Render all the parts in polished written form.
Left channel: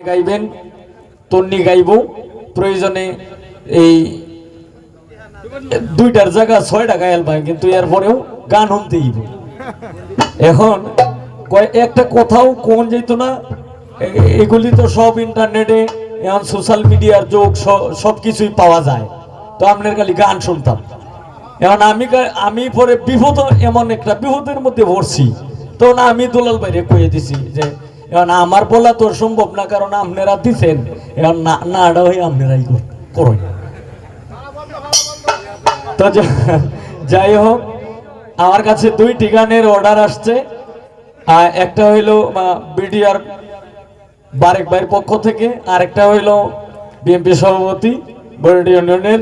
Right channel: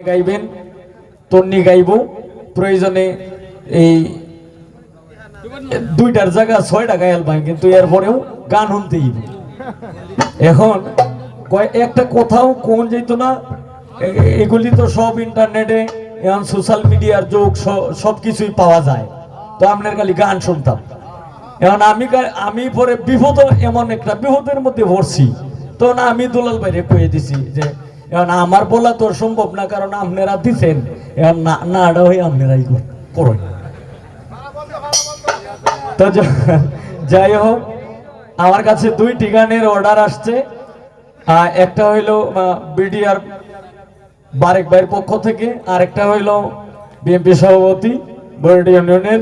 গাইবেন তন্নি গাইব প্রয়োজনে এই দুইটার জায়গা 6টা গায়াল ভাই কিন্তু এরপরেও গান শুনতেই এখন একটা কোথাও কোন যেত না এগুলি তো সব ইন্টারনেটে এখন সোশ্যাল মিডিয়ার যোগ সবকিছুই পাওয়া যায় তো আপনার খালি গান শুনতাম এখন আমি পরে বিপদ এমন একটা বিপদের মধ্যে পড়ছি তো না আমি দুলাল ভাইরে কয়ে দিছি যে এখন আমার বলা তো সম্ভব না কারণ আপনারা দিচ্ছেন এখন না এটা হয়ে আপনারাই করুন তো যাই হোক আমার কাছে 2টি গানের অর্ডার আসছে একটা হইল বিডিআর বারেক ভাইয়ের পক্ষ থেকে আর একটা হইল বিএনপি সভাপতি বরেন্দ্র ইউনিয়নের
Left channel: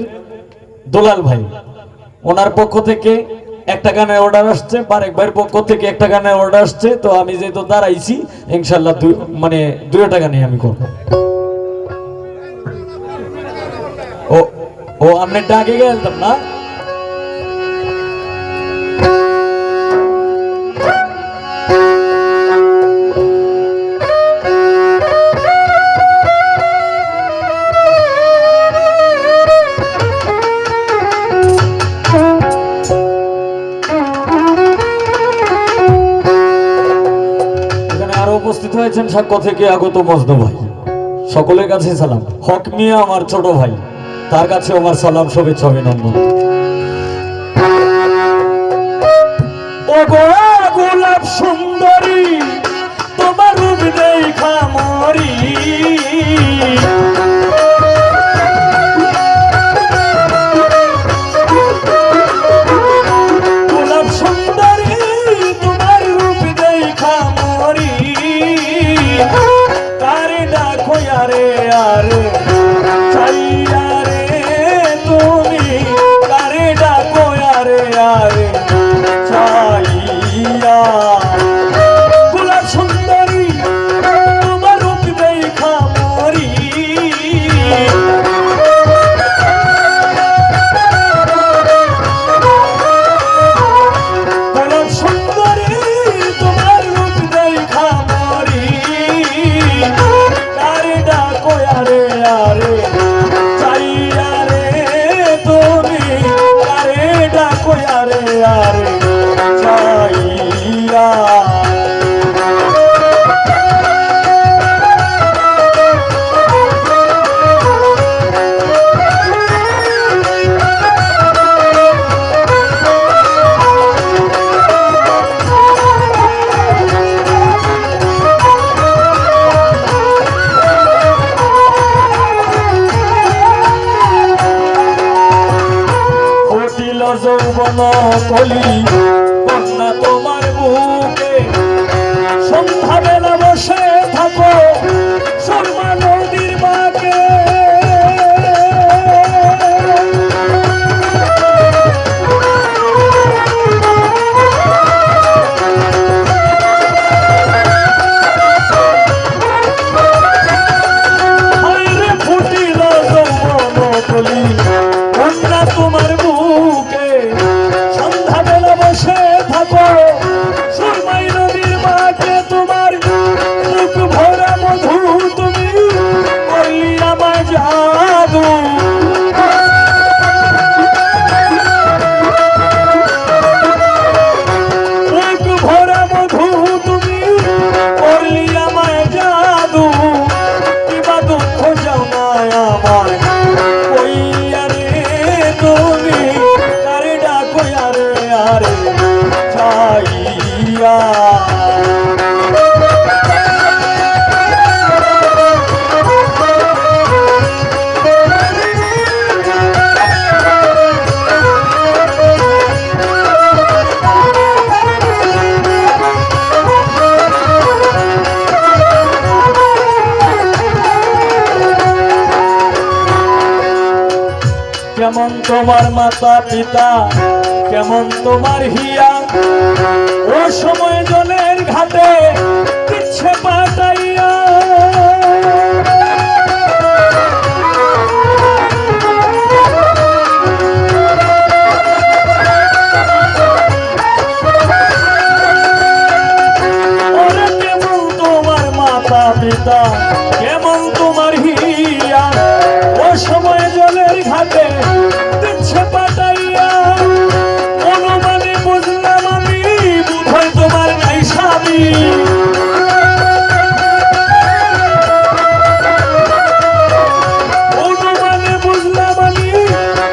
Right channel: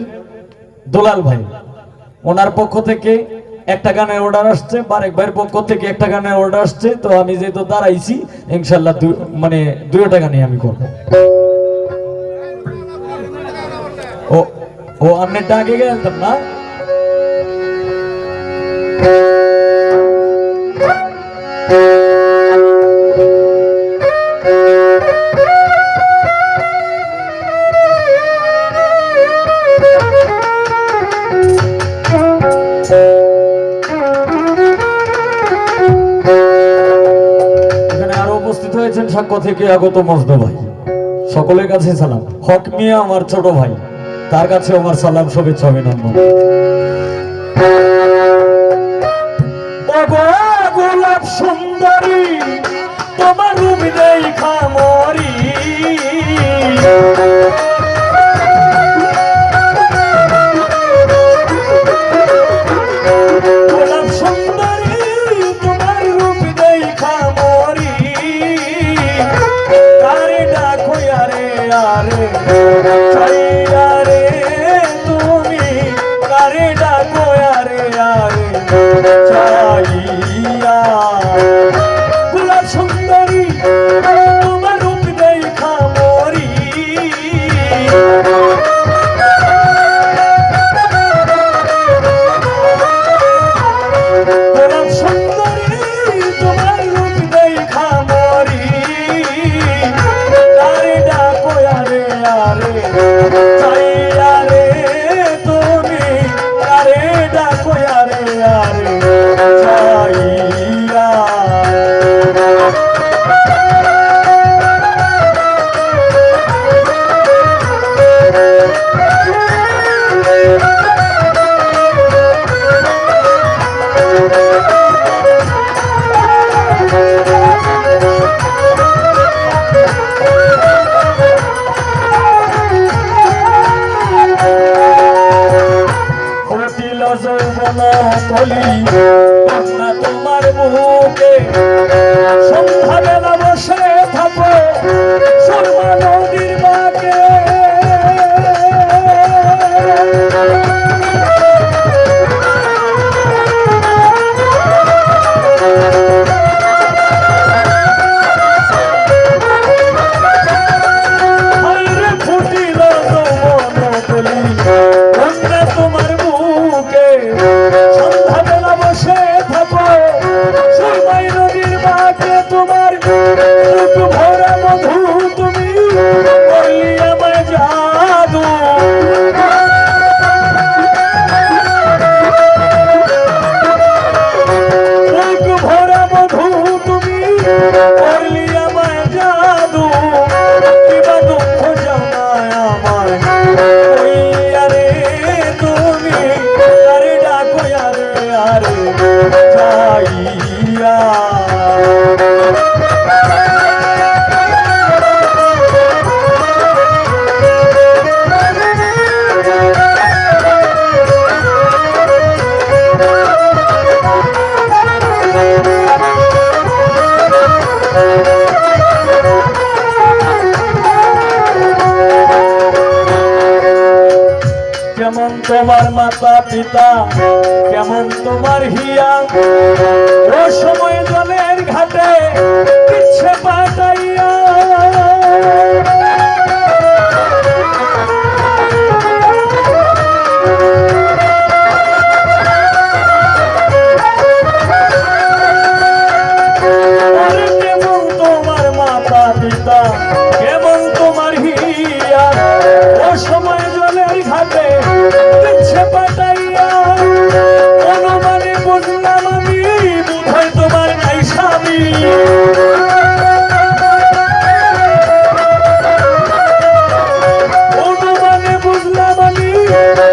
দুলাল ভাই ওনার পক্ষ থেকে একটা গানের অর্ডার আসছে বারেক ভাইয়ের পক্ষ থেকে একটা গানের অর্ডার আসছে তো আমি যেহেতু দাঁড়াইছি ইনশাল্লাহ দুইটা গানই আমি করব ও আপনি ডাকে গেলাম না উপস্থিত হয়েছেন সাক্ষ্য থেকে আগত মজদু ভাই সকলের কাছে সালাম হক মিয়া আমার ছোট ভাই তার কাছে আমার সালাম শুভেচ্ছা অভিনন্দন গোলাপ সুন্দরী তোমার রূপ দেখা মরি গোলাপ সুন্দরী তোমার রূপ দেখা মরি গোলাপ সুন্দরী তোমার রূপ দেখা মরি আরে ডাকো আরে আরে চাইয়া রে তুমি আরে ডাকো আরে আরে যৌবন কলি কন্যা তোমার বুকে সন্ধ্যা বেলা বসে থাকো সুরমা নদীর বাঁকে ফুটিল যৌবন কলি কন্যা তোমার সুরমাই নদীর বাঁকে তোমার বুক ভরা মধু তুমি বললি আমায় জাদু বুক ভরা মধু তুমি বললি আমায় জাদু কিবা দুঃখ জামায় আমায় ওই আরে তুমি আরে ডাকো আরে আরে চাইয়া কেমন তোমার মাতা পিতা কেমন তোমার হিয়া ও সময় জলের ঘাটে পিছে পাঠাইয়া কেমন তোমার মাতা পিতা কেমন ঘাটে দিচ্ছে পাঠাইয়া অনুমানে বুঝলাম আমি বোধহয় তোমার নাই স্বামী অনুমানে বুঝলাম আমি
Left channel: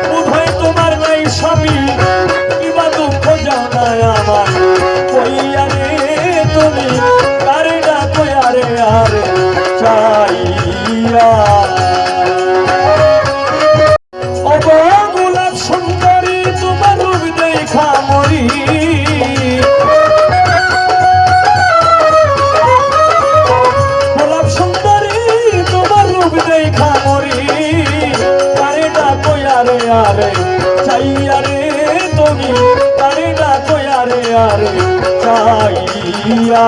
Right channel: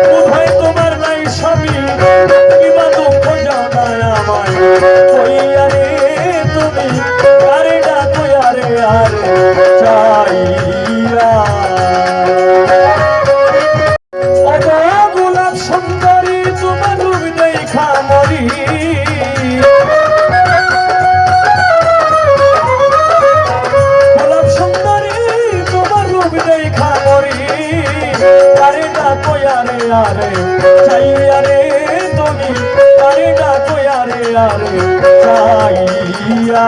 বোধহয় তোমার নাই স্বামী কিবা দুঃখ জানায় আমার কইয়া রে তুমি কারে ডাকো আরে আরে চাইয়া গোলাপ সুন্দরী তোমার রূপ দেখা মরি গোলাপ সুন্দরী তোমার রূপ দেখা মরি কারে ডাকো আরে আরে চাইয়া রে তুমি কারে ডাকো আরে আরে চাইয়া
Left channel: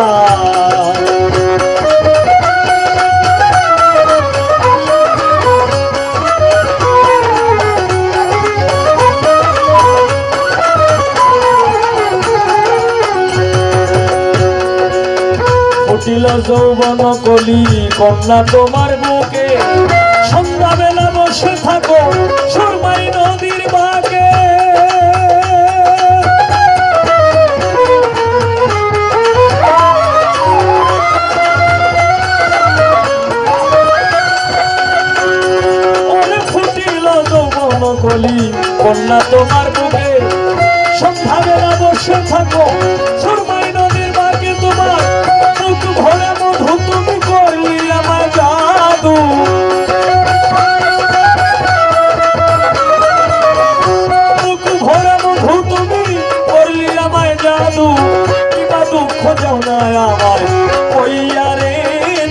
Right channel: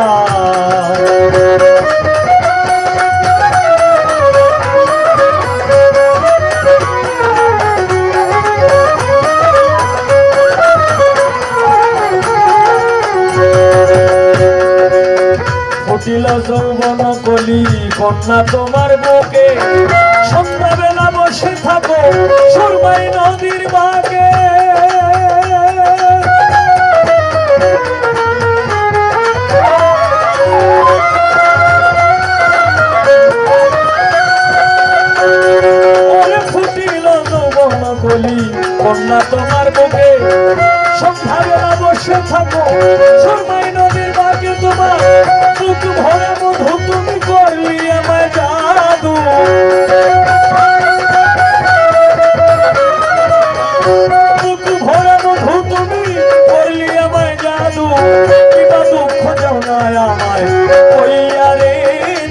ফুটিল যৌবন কলি কন্যা তোমার বুকে সন্ধ্যাবেলা বসে থাকো সুরমাই নদীর বাগে ফুটিল যৌবন কলি কন্যা তোমার বুকে সন্ধ্যাবেলা বসে থাকো সুরমাই নদীর বাগে তোমার মুখ ভরে মধু তুমি করলি আমার জাদু মুখ ভরে মধু তুমি করলি আমায় জাদু কিবা দুঃখ জানায় আমায় কইয়া রে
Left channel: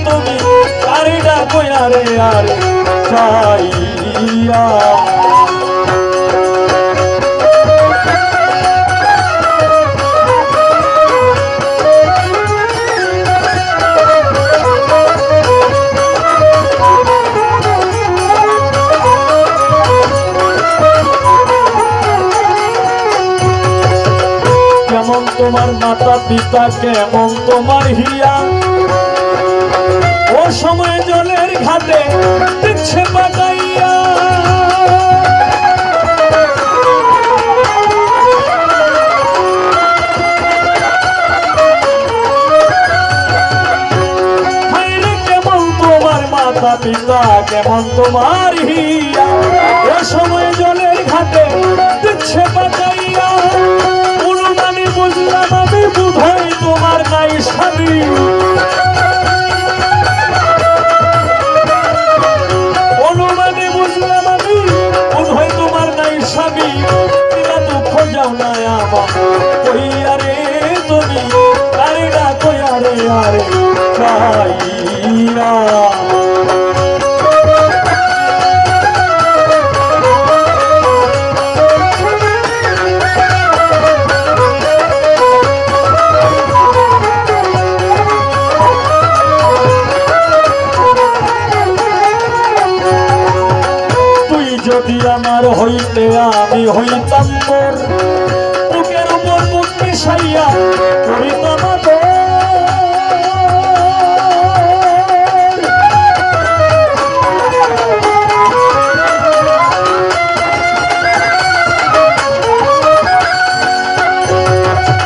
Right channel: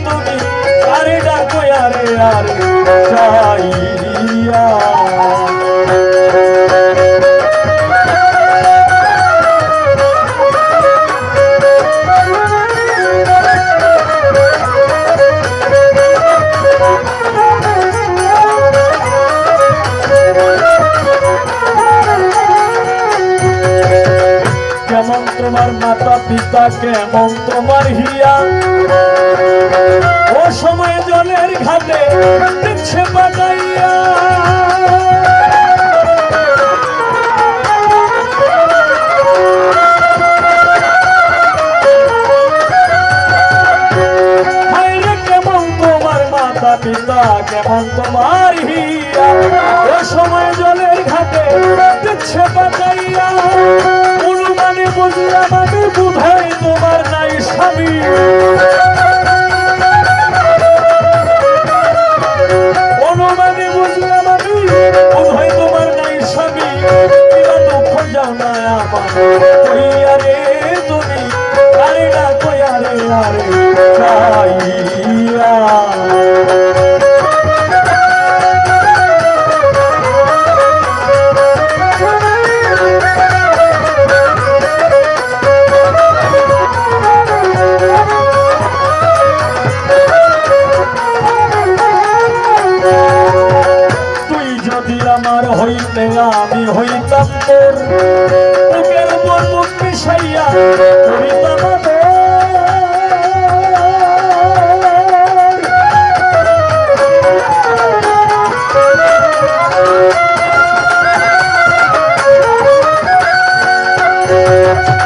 তুমি আরে ডাকো আরে আরে চাইয়া কেমন তোমার মাতা পিতা কেমন তোমার হিয়া ও সময় জলের ঘাটে দিচ্ছে পাঠাইয়া কেমন তোমার মাতা পিতা কেমন তোমার হিয়া ও সময় জলের ঘাটে দিচ্ছে পাঠাইয়া অনুমানে বুঝলাম আমি বোধহয় তোমার নাই স্বামী অনুমানে বুঝলাম আমি বোধহয় তোমার নাই স্বামী কিবা দুঃখ জানায় আমার কইয়া রে তুমি আরে ডাকো আরে আরে চাইয়া আমার হইতে আমি হইতাম তোর বুকের উপর মুখ মিশাইয়া করিতাম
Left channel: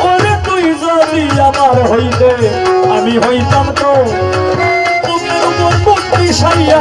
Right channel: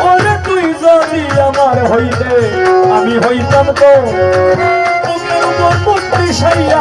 ওরে তুই যদি আমার হইতে আমি হইতাম তো বুকের উপর মুখ মিশাইয়া